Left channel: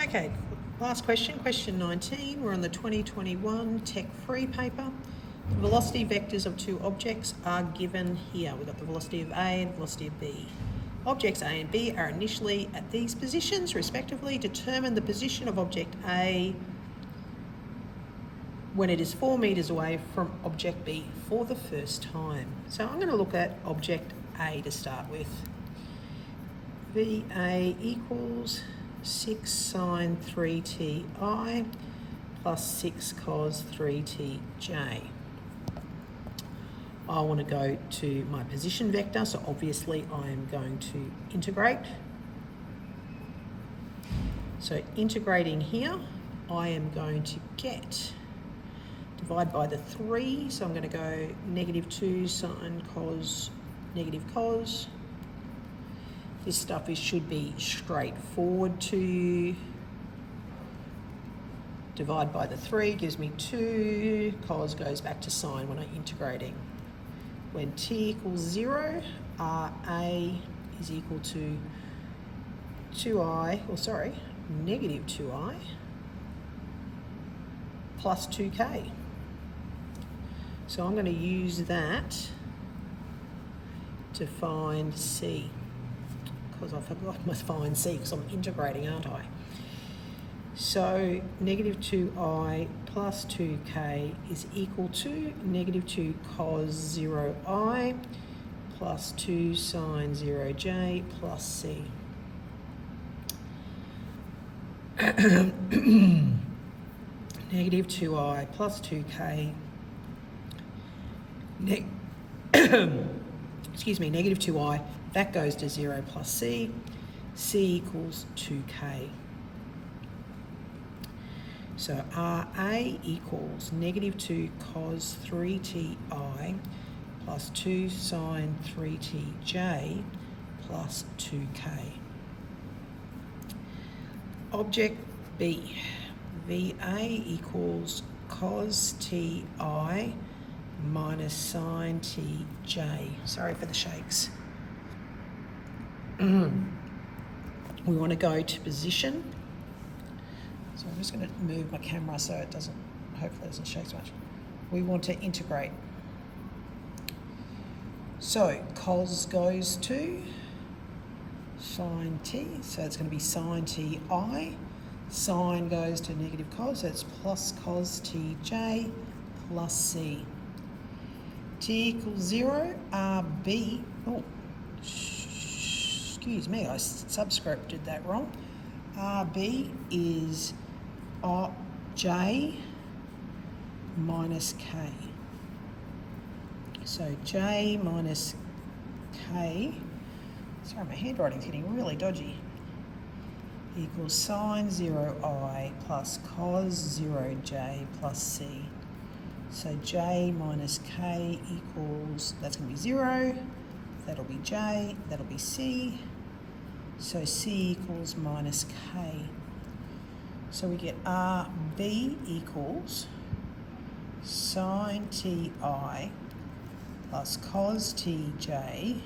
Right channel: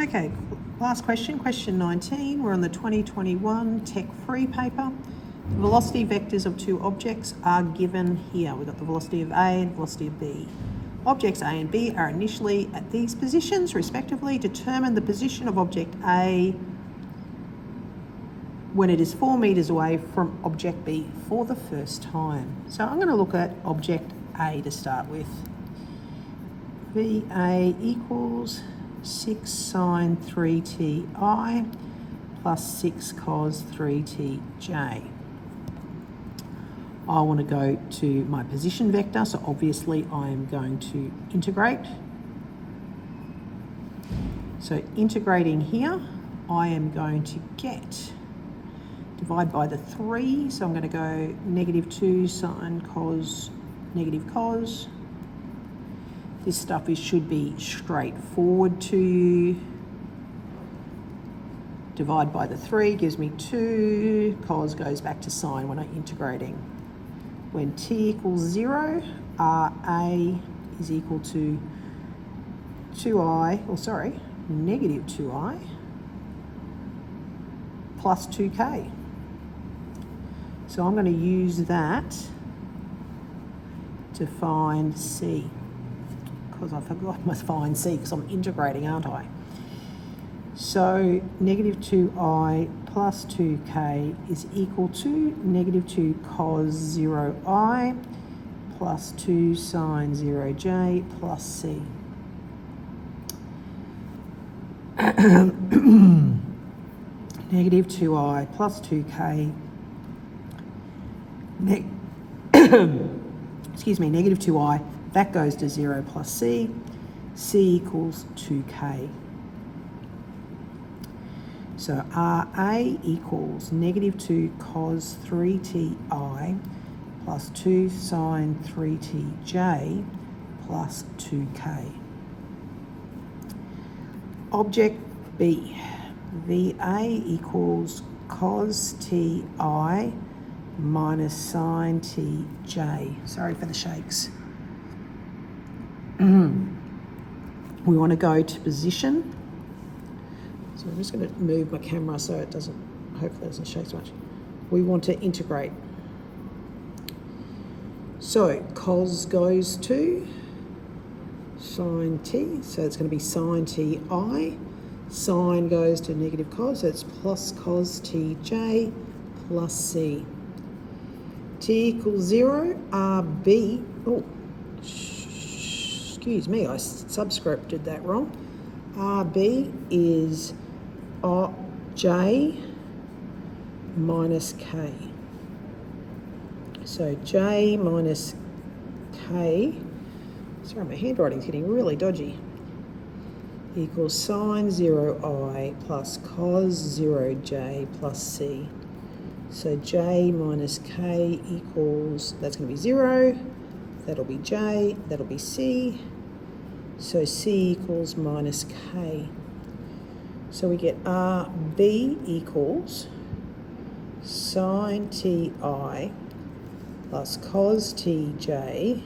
Okay, last question, question 19. We're on the 2021 Tech Free paper. The velocity vectors of two objects are given here. We've got the velocity of A and velocity of B. Objects A and B are initially at these positions, respectively. Determine the position of object A when it is 4 metres away from object B for the first time. So I'm going to look at object A to start with. VA equals 6 sine 3ti plus 6 cos 3tj. I want to go to my position vector, so obviously I'm going to integrate. So integrating here, I am going to get, divide by the 3, so I'm going to go -2 sine cos, negative cos. This stuff should be straightforward to you. Divide by the 3 gives me 2. Cos goes back to sine when I'm integrating. When t equals 0, RA is equal to negative 2i plus 2k. So I'm going to use that to find C, because I forgot to find C because I'm integrating, aren't I? So negative 2i plus 2k is equal to negative 2 cos 0i plus 2 sine 0j plus C. Negative 2i plus 2k, negative 2i, that goes to 0 plus C. C equals 2k. So RA equals negative 2 cos 3ti plus 2 sine 3tj plus 2k. Object B, VA equals cos ti minus sine tj. Sorry for the shakes. We want to go to position. So I'm just going to move my camera so it doesn't, hopefully it doesn't shake so much. We want to integrate. So cos goes to sine t, so it's going to be sine ti. Sine goes to negative cos, so it's plus cos tj plus c. T equals 0, RB, excuse me, I subscripted that wrong. RB is J minus K. So J minus K, sorry, my handwriting's getting really dodgy, equals sine 0i plus cos 0j plus C. So J minus K equals, that's going to be 0, that'll be J, that'll be C. So C equals minus K. So we get RB equals sine Ti plus cos Tj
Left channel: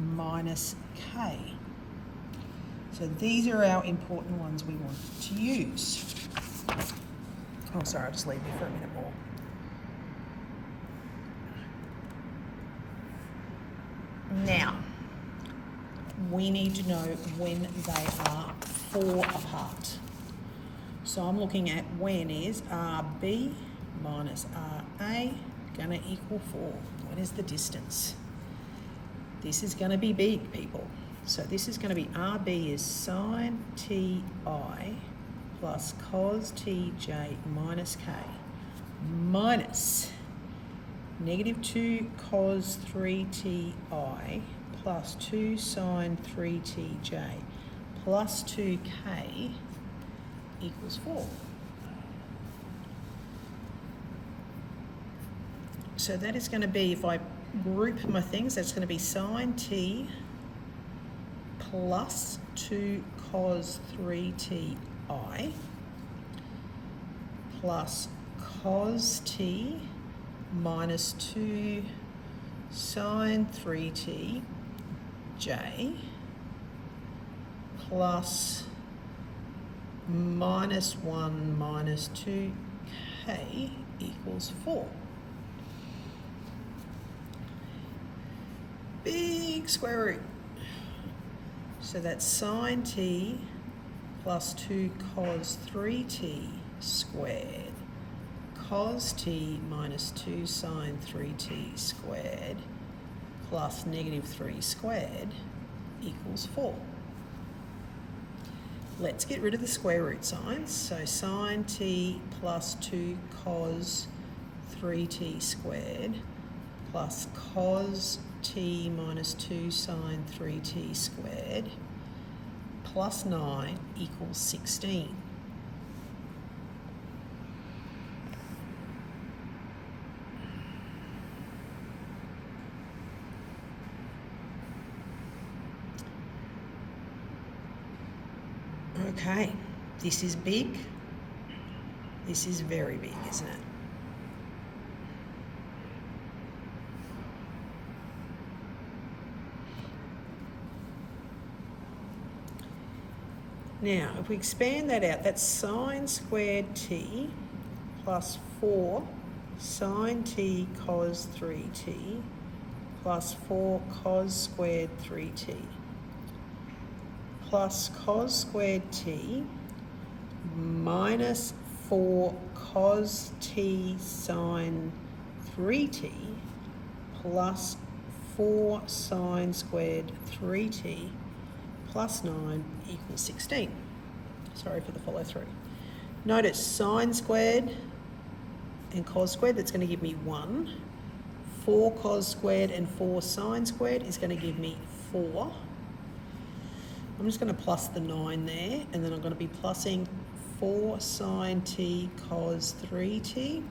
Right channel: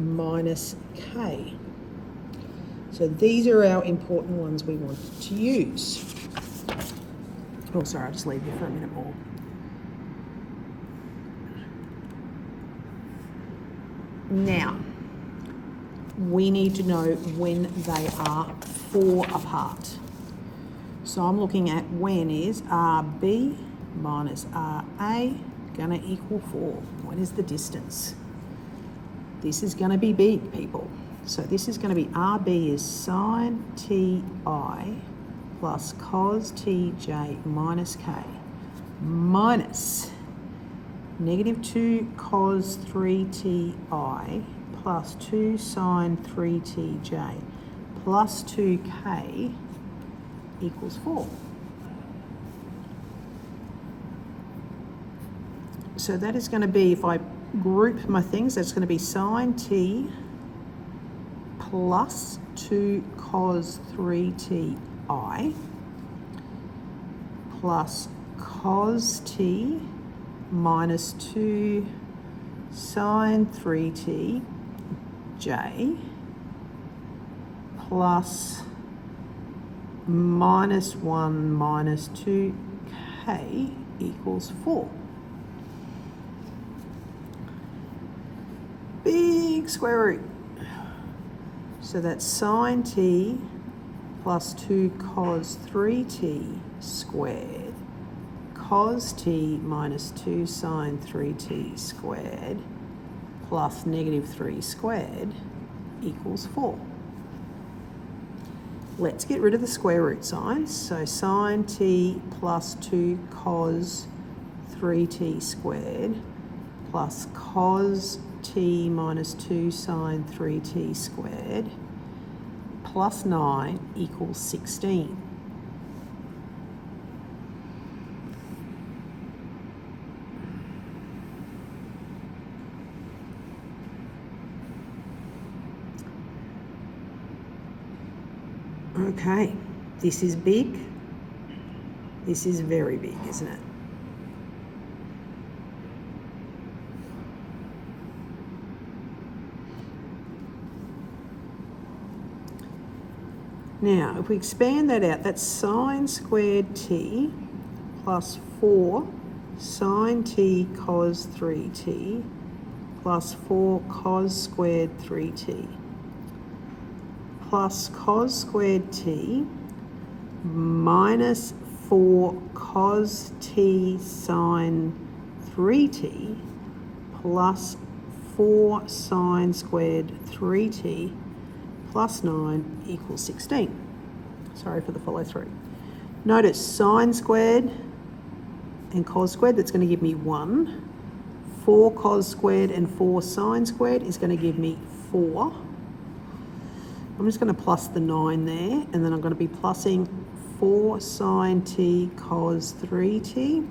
minus K. So these are our important ones we want to use. Oh, sorry, I'll just leave you for a minute more. Now, we need to know when they are 4 apart. So I'm looking at when is RB minus RA going to equal 4? What is the distance? This is going to be big, people. So this is going to be RB is sine Ti plus cos Tj minus K minus negative 2 cos 3Ti plus 2 sine 3Tj plus 2K equals 4. So that is going to be, if I group my things, that's going to be sine T plus 2 cos 3Ti plus cos T minus 2 sine 3Tj plus minus 1 minus 2k equals 4. Big square root. So that's sine t plus 2 cos 3t squared, cos t minus 2 sine 3t squared plus negative 3 squared equals 4. Let's get rid of the square root signs. So sine t plus 2 cos 3t squared plus cos t minus 2 sine 3t squared plus 9 equals 16. Okay, this is big. This is very big, isn't it? Now, if we expand that out, that's sine squared t plus 4 sine t cos 3t plus 4 cos squared 3t plus cos squared t minus 4 cos t sine 3t plus 4 sine squared 3t plus 9 equals 16. Sorry for the follow through. Notice sine squared and cos squared, that's going to give me 1. 4 cos squared and 4 sine squared is going to give me 4. I'm just going to plus the 9 there, and then I'm going to be plussing 4 sine t cos 3t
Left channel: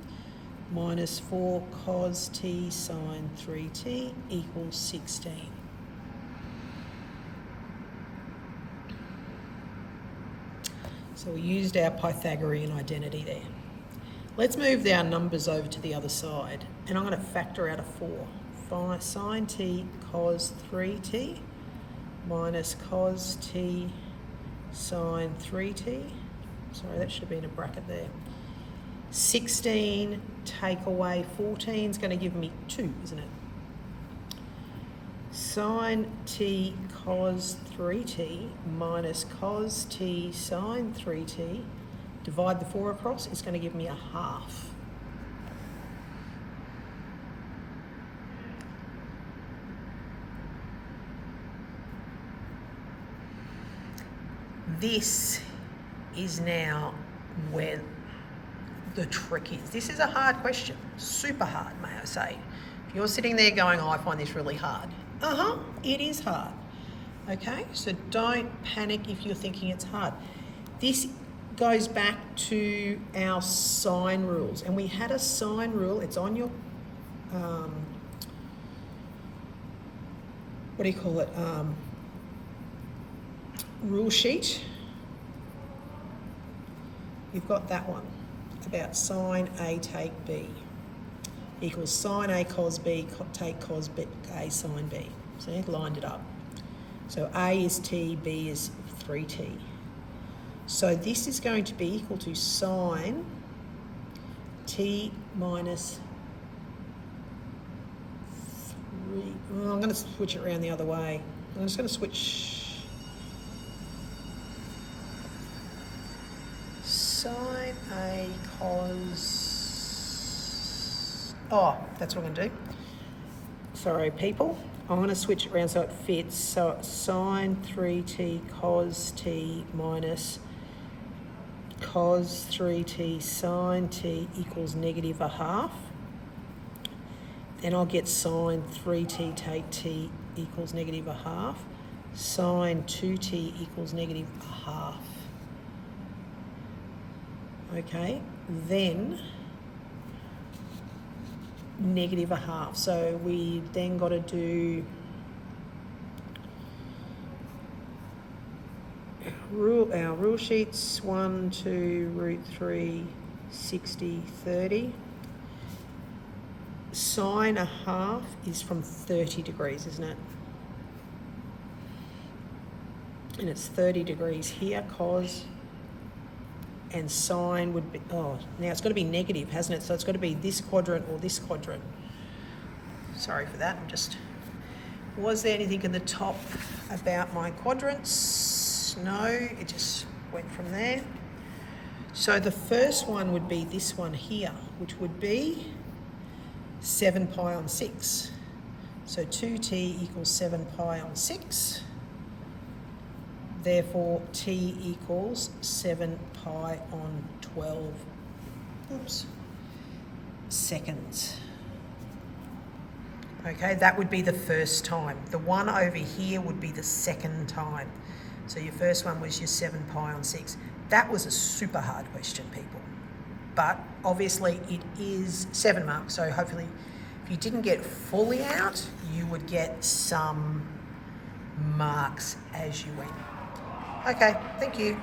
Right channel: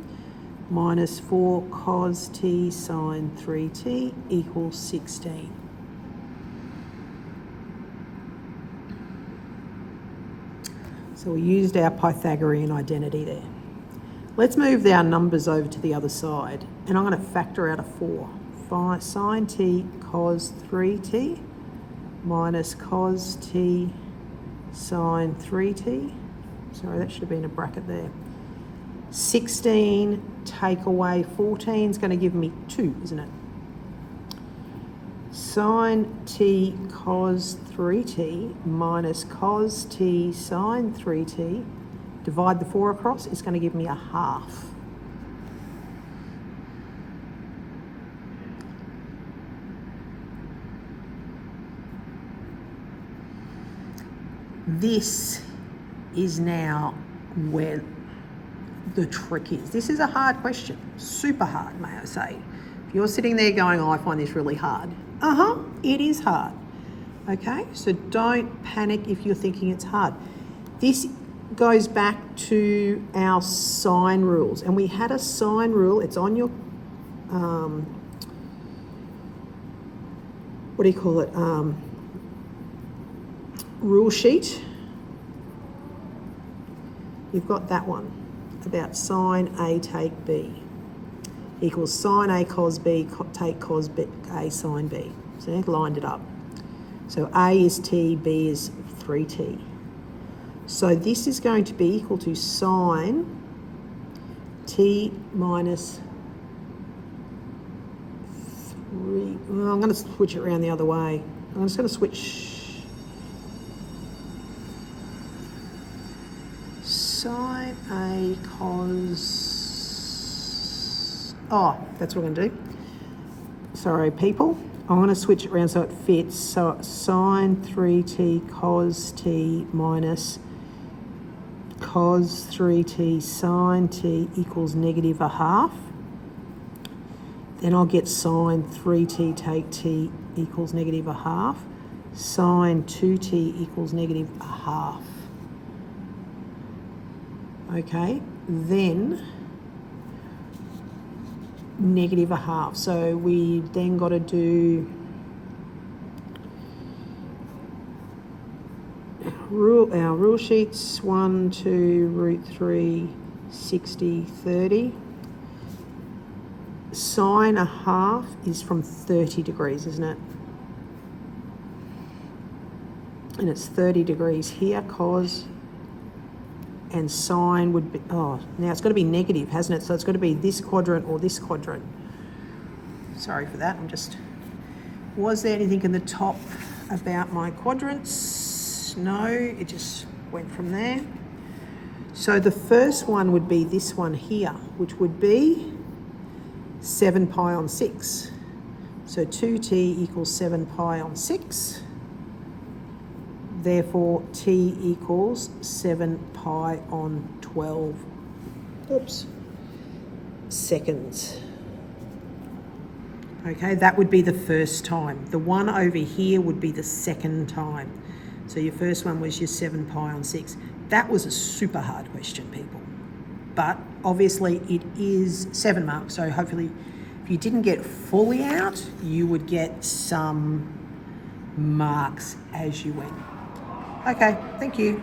minus 4 cos t sine 3t equals 16. So we used our Pythagorean identity there. Let's move our numbers over to the other side, and I'm going to factor out a 4. Sine t cos 3t minus cos t sine 3t. Sorry, that should have been a bracket there. 16 take away 14 is going to give me 2, isn't it? Sine t cos 3t minus cos t sine 3t, divide the 4 across, it's going to give me a half. This is now where the trick is. This is a hard question, super hard, may I say. If you're sitting there going, oh, I find this really hard. It is hard. Okay, so don't panic if you're thinking it's hard. This goes back to our sine rules, and we had a sine rule. It's on your, what do you call it? Rule sheet. You've got that one about sine A take B equals sine A cos B take cos B, A sine B. So they've lined it up. So A is t, B is 3t. So this is going to be equal to sine t minus 3. Well, I'm going to switch it around the other way. I'm just going to switch sine A cos... Oh, that's what I'm going to do. Sorry, people. I want to switch it around so it fits. So sine 3t cos t minus cos 3t sine t equals negative a half. Then I'll get sine 3t take t equals negative a half. Sine 2t equals negative a half. Okay, then negative a half. So we then got to do our rule sheets 1, 2, root 3, 60, 30. Sine a half is from 30 degrees, isn't it? And it's 30 degrees here, cos and sine would be, oh, now it's got to be negative, hasn't it? So it's got to be this quadrant or this quadrant. Sorry for that, was there anything in the top about my quadrants? No, it just went from there. So the first one would be this one here, which would be 7 pi on 6. So 2t equals 7 pi on 6. Therefore, t equals 7 pi on 12 seconds. Okay, that would be the first time. The one over here would be the second time. So your first one was your 7 pi on 6. That was a super hard question, people. But obviously it is 7 marks, so hopefully if you didn't get fully out, you would get some marks as you went. Okay, thank you.